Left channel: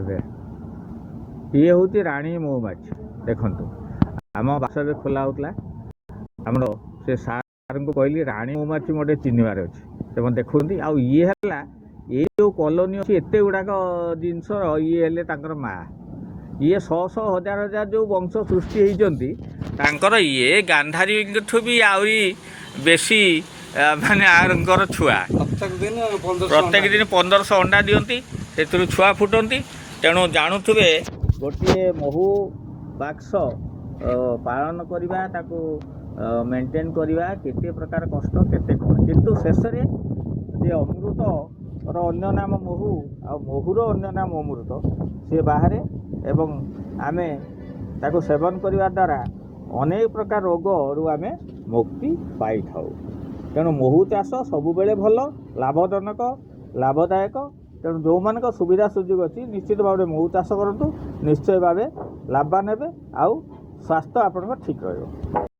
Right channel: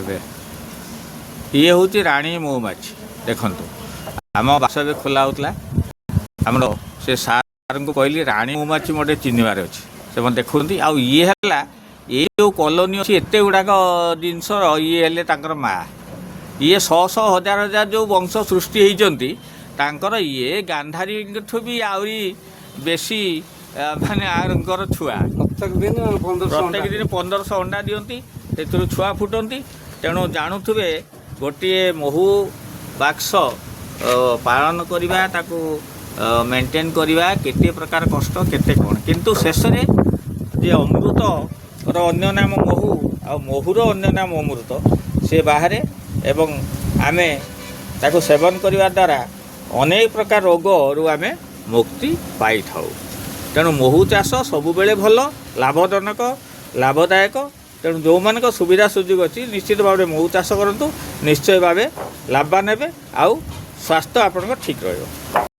ଏବେ ଇଏ ହେଉଛି ରାଣୀ ମହୁମାଛି। ଦେଖନ୍ତୁ ଆମ ବାସ ଏବେ ଖୋଲା ହେଉଥିଲା, ଆମର ସେ ସାର୍ଙ୍କୁ କହିଲି ରାଣୀ ମହୁମାଛି ମୋତେ ଚିହ୍ନିବାର ଅଛି, ସେମାନେ ଦେଖୁଛନ୍ତି। ଆଉ ଇଏ ହେଲା ଏଇ ଯେଉଁ କଲୋନୀ ଅଛି ଏତେ ଗୁଡ଼ାକ ଜିନିଷର ଇଏ ହେଲେ ତାଙ୍କର ମାଆ। ଇଏ ଶହ ଶହ ହଜାର ହଜାର ଯେଉଁ ବଂଶ ସୃଷ୍ଟି ହେଇଛନ୍ତି ତାଙ୍କର ଇଏ ଗାନ୍ଧାରୀଙ୍କଠୁ ବି ଆହୁରି ବେଶୀ ମାନେ ଆଙ୍କର ଛୁଆ। ପ୍ରତ୍ୟେକ ଦିନ 1500 ଅଣ୍ଡା ଦିଅନ୍ତି, ସେଥିରୁ ଛୁଆ ଫୁଟନ୍ତି। ତେଣୁ ଜାଣୁଥିବେ ଗୋଟିଏ ମହୁ ବାକ୍ସ ପାଳନ କରିବା, ତାକୁ ମେଣ୍ଟେନ୍ କରିବା କେତେ ପ୍ରକାର କଷ୍ଟ, କେତେ କ'ଣ। କିନ୍ତୁ ଶେଷରେ ଯେ ଅମୃତର ଅନ୍ୟ ନାମ ମହୁ ଆଉ ମହୁର ଅନ୍ୟ ନାମ ଅମୃତ ସେ ବାହାରେ, ଏବଂ ଆମେ ତାକୁ ସେବନ କରିବା ଦ୍ୱାରା ଅନେକ ପ୍ରକାର ରୋଗରୁ ଆମେ ମୁକ୍ତି ପାଇଥାଉ। ତେଣୁ ମହୁ ଚାଷ ସବୁବେଳେ ଭଲ, ଲାଭଜନକ, ଲାଭଦାୟକ। ତେଣୁ ଯେଉଁମାନଙ୍କ ସୁବିଧା ସୁଯୋଗ ଅଛି ନିଶ୍ଚିତ ଭାବରେ ମହୁ ଚାଷ କରନ୍ତୁ, ନିଶ୍ଚୟ ଭାବେ ଲାଭବାନ ହେବେ, ଆଉ ସ୍ୱାସ୍ଥ୍ୟ ଆପଣଙ୍କ ଠିକ୍ ରହିବ।